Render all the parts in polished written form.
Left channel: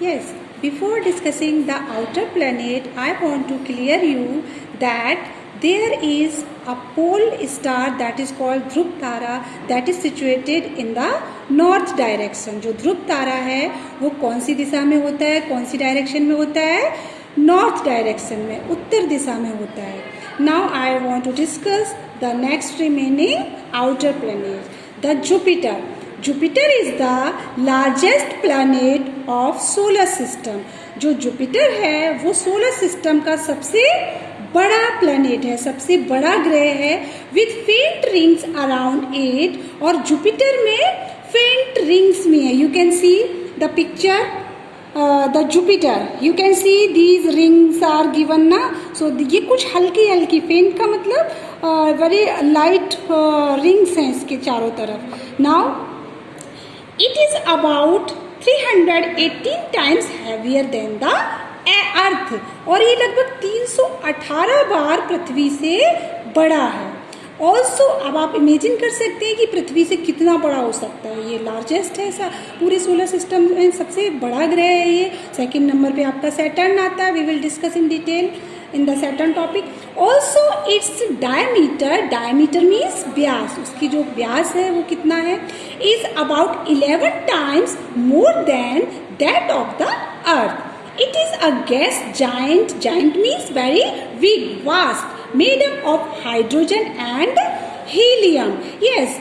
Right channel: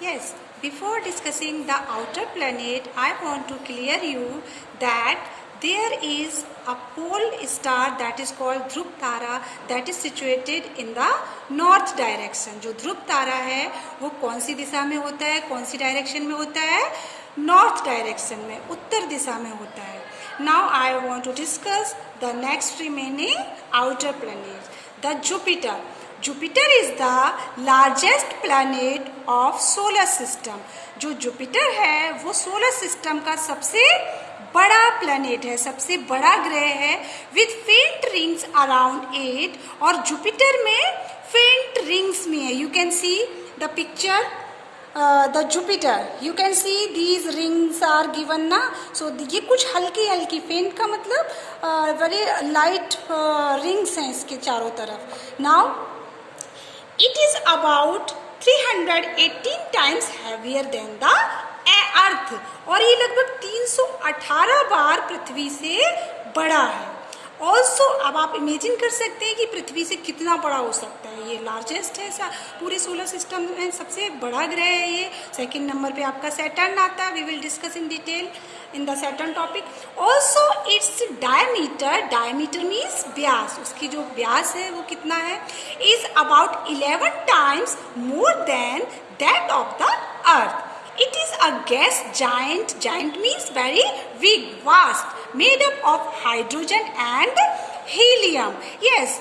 Yes, before discussing the outer planet, I want to clear you that there is a pole star that is called Dhruv Tara that is situated in the north direction. जो ध्रुव तारा है वो कौन सी दिशा में होता है, कौन सी direction में होता है? नॉर्थ डायरेक्शन में, उत्तर दिशा में होता है. Now I want to discuss the next remaining outer planet, the Jupiter. Jupiter is the largest planet of solar system. जो जुपिटर है वो सोलर सिस्टम का सबसे बड़ा प्लैनेट है, सबसे बड़ा ग्रह है, with faint rings around it. और जुपिटर में फेंट रिंग्स में है. You can see the picture the Jupiter, you can see these rings are given ना. सो ये कुछ हल्की हल्की, फेंट का मतलब वेरी लाइट रिंग्स हैं इसके चारों तरफ. Now it is about 318 times heavier than the earth, और ये लगभग 318 बार पृथ्वी से बड़ा है. ऑल्सो अब आप इमेजिन कर सकते हैं कि पृथ्वी से कितना बड़ा हो सकता है. ये लार्जेस्ट है पूरे सोलर सिस्टम में, सबसे बड़ा ग्रह है ये. सेकंड नंबर पे आपका सैटर्न आता है. We will discuss in detail in the Saturn topic. Also its diameter, diameter means व्यास, उसकी जो व्यास है वो कितना है, is about 11 times more than that of the earth. It is a gas giant. Giant means very big, vast, made up of hydrogen and helium. Yes,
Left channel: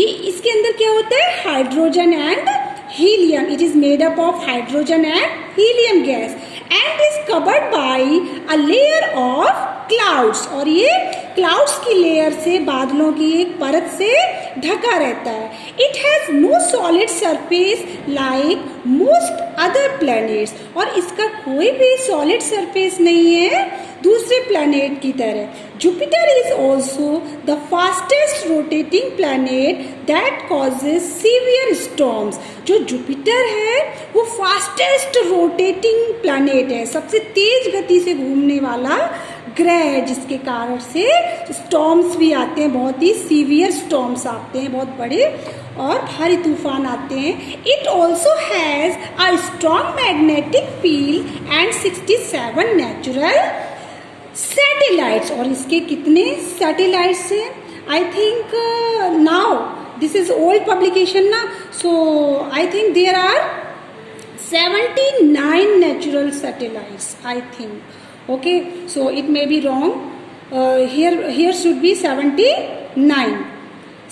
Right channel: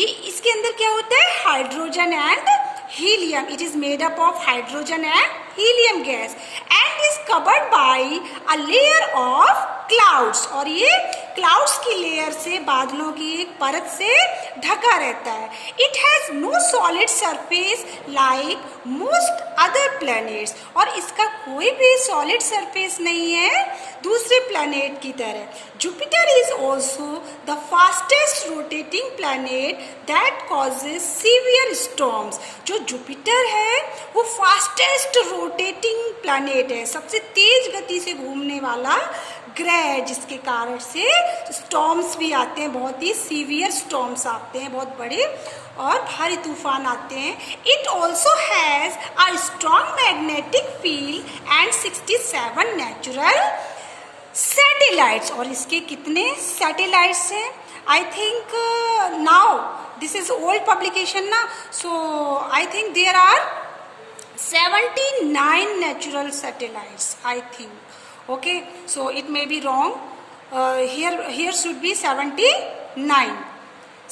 ये इसके अंदर क्या होता है? Hydrogen and helium. It is made up of hydrogen and helium gas and is covered by a layer of clouds. और ये clouds की layer से, बादलों की एक परत से ढका रहता है. It has no solid surface like most other planets. और इसका कोई भी सॉलिड सरफेस नहीं है दूसरे प्लैनेट की तरह. Jupiter is also the fastest rotating planet that causes severe storms. जो जुपिटर है वो फास्टेस्ट रोटेटिंग प्लैनेट है, सबसे तेज गति से घूमने वाला ग्रह है, जिसके कारण से स्टॉर्म्स भी आते हैं, बहुत ही सीवियर स्टॉर्म्स आते हैं, बहुत बड़े और भारी तूफान आते हैं. It also has a strong magnetic field and 67 natural satellites. और इसके कितने सैटेलाइट्स हैं? I think now this is old publication ना, so I think there are 79 natural satellites, I think. Okay, so it may be wrong. Here should be 79.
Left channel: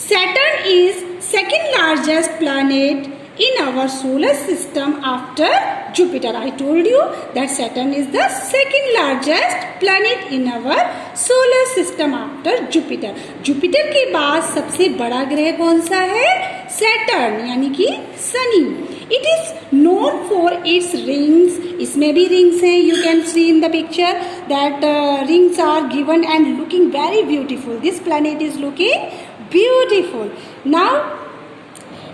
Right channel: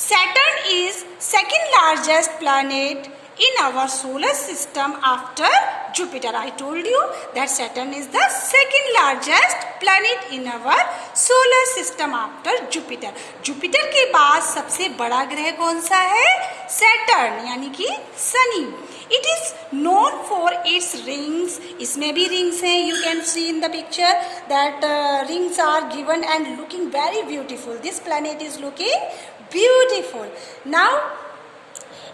Saturn is second largest planet in our solar system after Jupiter. I told you that Saturn is the second largest planet in our solar system after Jupiter. Jupiter के बाद सबसे बड़ा ग्रह कौन सा है? Saturn, यानी कि Shani. It is known for its rings. इसमें भी rings हैं. You can see in the picture that rings are given and looking very beautiful. This planet is looking beautiful. Now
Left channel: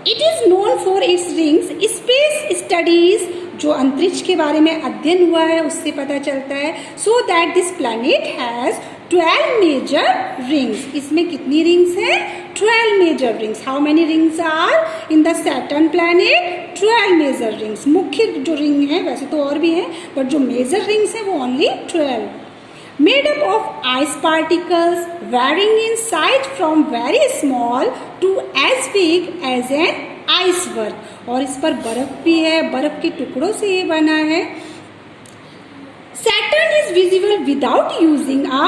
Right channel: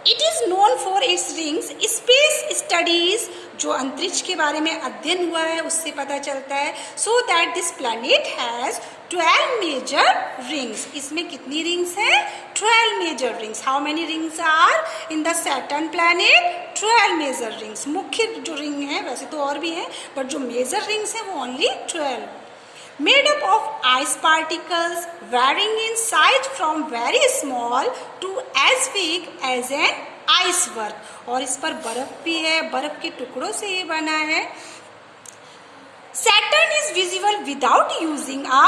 it is known for its rings. Space studies, जो अंतरिक्ष के बारे में अध्ययन हुआ है उससे पता चलता है. So that this planet has 12 major rings. इसमें कितनी रिंग्स हैं? 12 major rings. How many rings are in the Saturn planet? 12 major rings. मुख्य जो रिंग है, वैसे तो और भी हैं, बट जो मेजर रिंग्स हैं वो only 12. Made up of ice particles varying in size from very small to as big as an iceberg. और इस पर बर्फ भी है, बर्फ के टुकड़ों से ये बना है. Saturn is visible without using a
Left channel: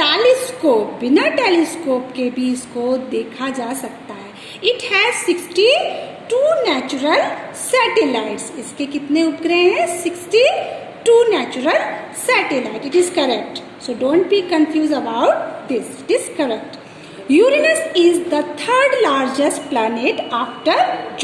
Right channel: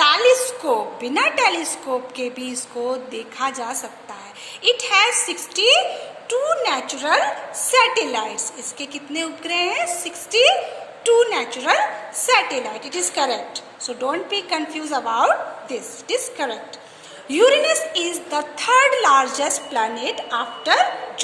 telescope. बिना टेलीस्कोप के भी इसको देखा जा सकता है. It has 62 natural satellites. इसके कितने उपग्रह हैं? 62 natural satellite. It is correct. So don't be confused about this. It is correct. Uranus is the third largest planet after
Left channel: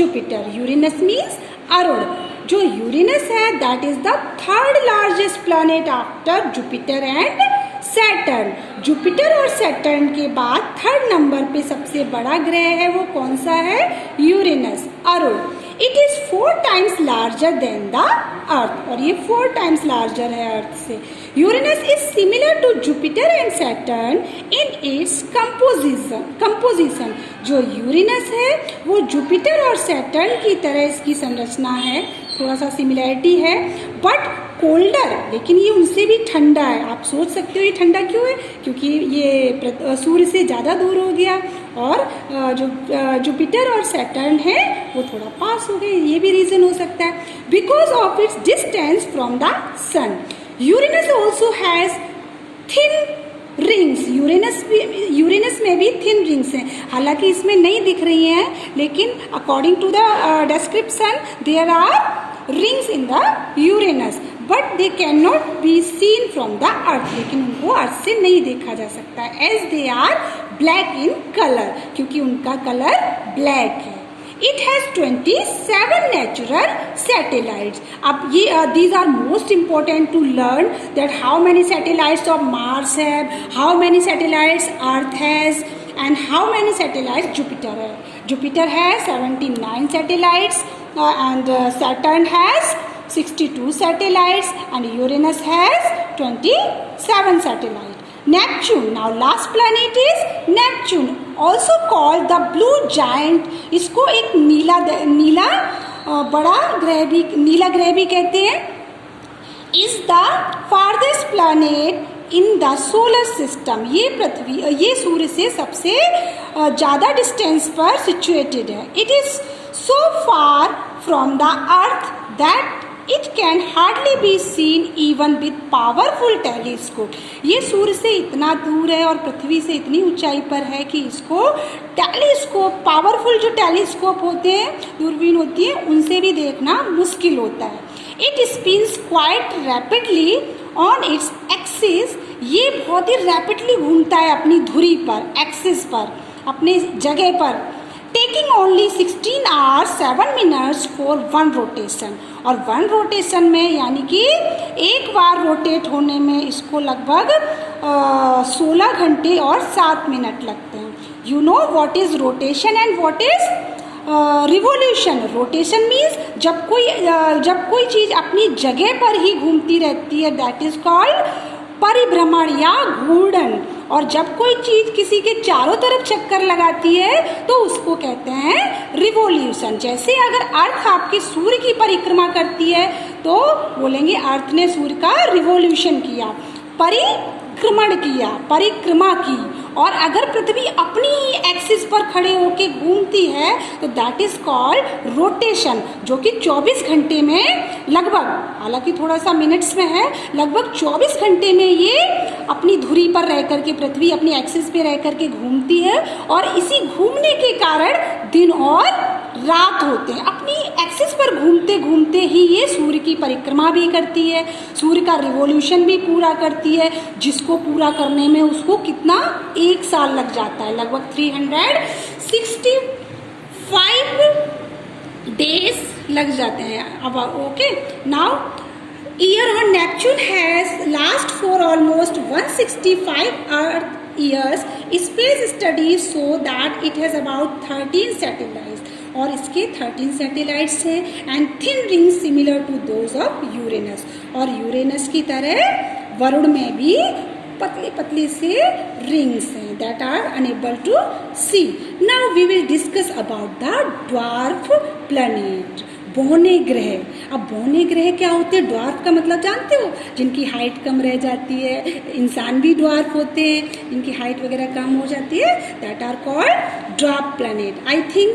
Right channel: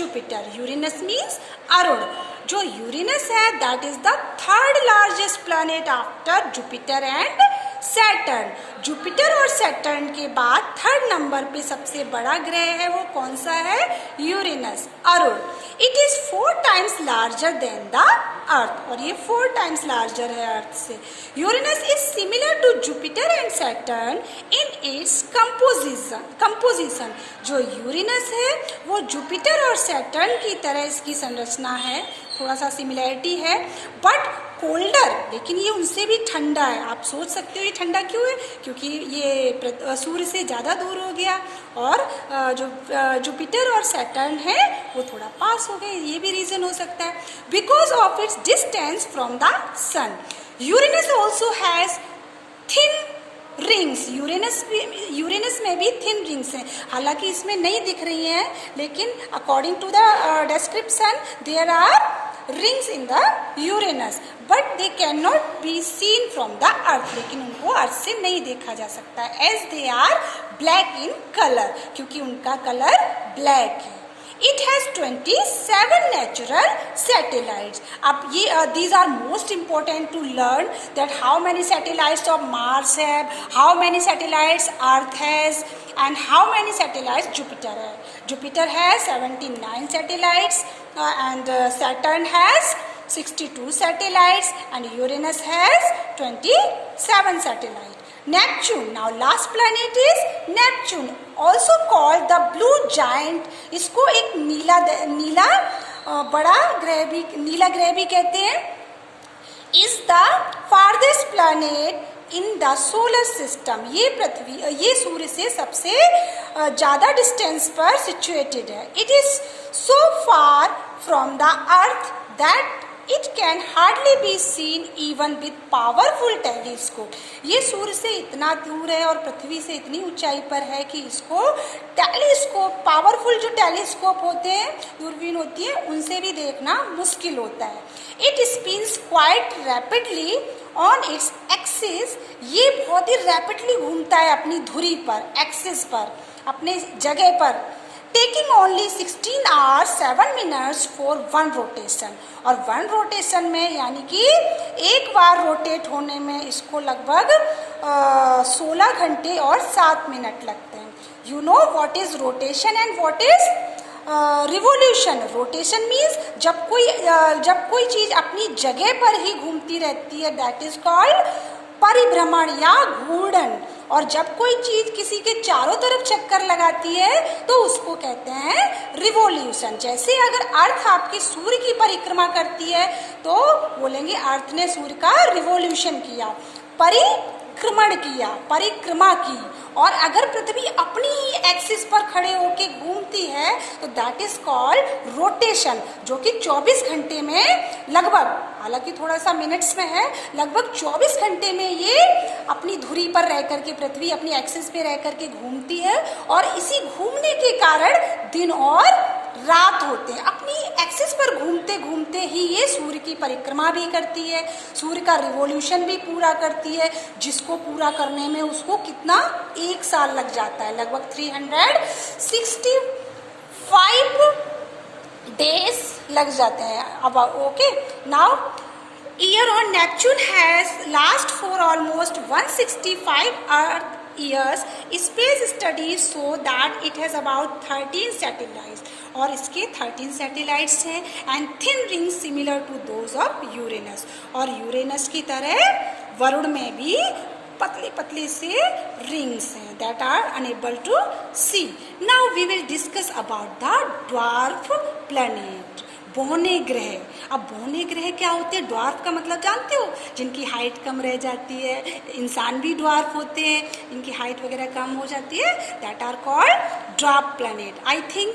Jupiter. Uranus means Arun. जो यूरेनस है that is the third largest planet after Jupiter and Saturn. Jupiter और Saturn के बाद third number पे सबसे बड़ा ग्रह है वो कौन सा है? Uranus, Arun. It is 4 times larger than the earth, और ये 4 times larger है अर्थ से. Uranus is similar to Jupiter and Saturn in its composition. जो यूरेनस है वो जुपिटर और सैटर्न की तरह इसकी संरचना है, थोड़ा सा सिमिलैरिटी है, बट कोल्डर, लेकिन ये उनसे भी ठंडा है। आप सोच सकते हो ये ठंडा क्यों है, क्योंकि ये सूर्य से ज़्यादा दूर हो गया, और जो जुपिटर और सैटर्न है वो थोड़ा पास हो गए, ये भी रीज़न हो सकता है। Because of its distance from the sun, Uranus also has thin rings. Uranus में भी थिन रिंग्स हैं, हालांकि इसमें नहीं दिख रही हैं, लेकिन according to the description there are rings in the Uranus, but they can not be seen from the earth, लेकिन उनको अर्थ से नहीं देखा जा सकता, as they are black in colour, क्योंकि उनका कलर ब्लैक है। It has 27 natural satellites. अब ये these are most important to learn that how many satellites of Mars have, how many satellites Earth has, and how many satellites Jupiter has. Jupiter has 79 satellites, and Saturn has 62 satellites, and Uranus has 27 satellites. Neptune, now last planet is Neptune, also called the blue giant. इसको एक नीला बड़ा ग्रह भी, नीला ग्रह भी कहते हैं। Is the farthest planet in the solar system. ये सूर्य से सबसे ज़्यादा डिस्टेंस पर सिचुएटेड है। It is so far from the earth that It can hardly be seen even with powerful telescope. ये सूर्य से इतना दूर है और पृथ्वी से इतनी ऊंचाई पर है कि इसको टेलीस्कोप, पावरफुल जो टेलीस्कोप होते हैं, दूरबीन होती है, उनसे भी देखना मुश्किल होता है। It spins quite rapidly on its axis. ये बहुत ही रैपिडली घूमता है अपनी धुरी पर, एक्सिस पर, अपने जगह पर, taking only 16 hours 7 minutes for one rotation. और वन रोटेशन में, यानी कि एक बार रोटेट होने में इसको लगभग 16 घंटे और 7 मिनट लगते हैं। You know what is rotation and what is revolution. Rotation means जब कोई चीज अपनी जगह पर ही घूमती रहती है, दैट इज कॉल्ड परिभ्रमण या घूर्णन, और जब कोई चीज किसी के चारों तरफ चक्कर लगाती है तो उसको कहते हैं रिवोल्यूशन। जैसे अगर अर्थ आपके सूर्य की परिक्रमा करती है तो बोलेंगे अर्थ ने सूर्य का रिवोल्यूशन किया, परिक्रमा की। और अगर पृथ्वी अपनी ही एक्सिस पर खड़े होकर घूमती है तो दैट इज कॉल्ड रोटेशन, जो कि 24 घंटे में लगभग, हालांकि थोड़ा सा मिनट्स में है, लगभग 24 घंटे में ये अपनी धुरी पर रह करके, पृथ्वी अपनी एक्सिस पे रह करके घूमती है, और इसी घूमने के कारण दिन और रात होते हैं। अपनी एक्सिस पर घूमते घूमते ही ये सूर्य की परिक्रमा भी करती है, सूर्य का रिवोल्यूशन भी पूरा करती है, जिसको पूरा करने में उसको कितना, 1 साल लग जाता है, लगभग 365 डेज लग जाते हैं। अब okay, now year on Neptune has last for almost 165 Earth years. Space studies show that it has about 13 satellites, और इसके 13 सैटेलाइट्स हैं, and thin rings similar to those of Uranus. और यूरेनस की तरह वरुण में भी पतली पतली से रिंग्स हैं that are unable to see. Now we will discuss about the dwarf planet, बौने ग्रह। अब बौने ग्रह क्या होते हैं? ड्वार्फ का मतलब जानते हो? जिनकी हाइट कम रह जाती है, इंसान भी ड्वार्फ होते हैं, जिनकी हाइट वगैरह कम हो जाती है, that are called dwarf planet. I think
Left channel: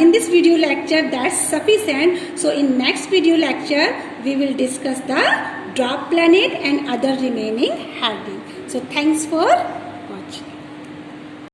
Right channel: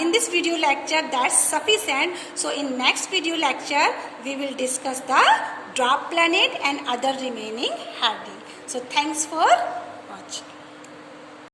in this video lecture that's sufficient. So in next video lecture we will discuss the dwarf planet and other remaining heading. So thanks for watching.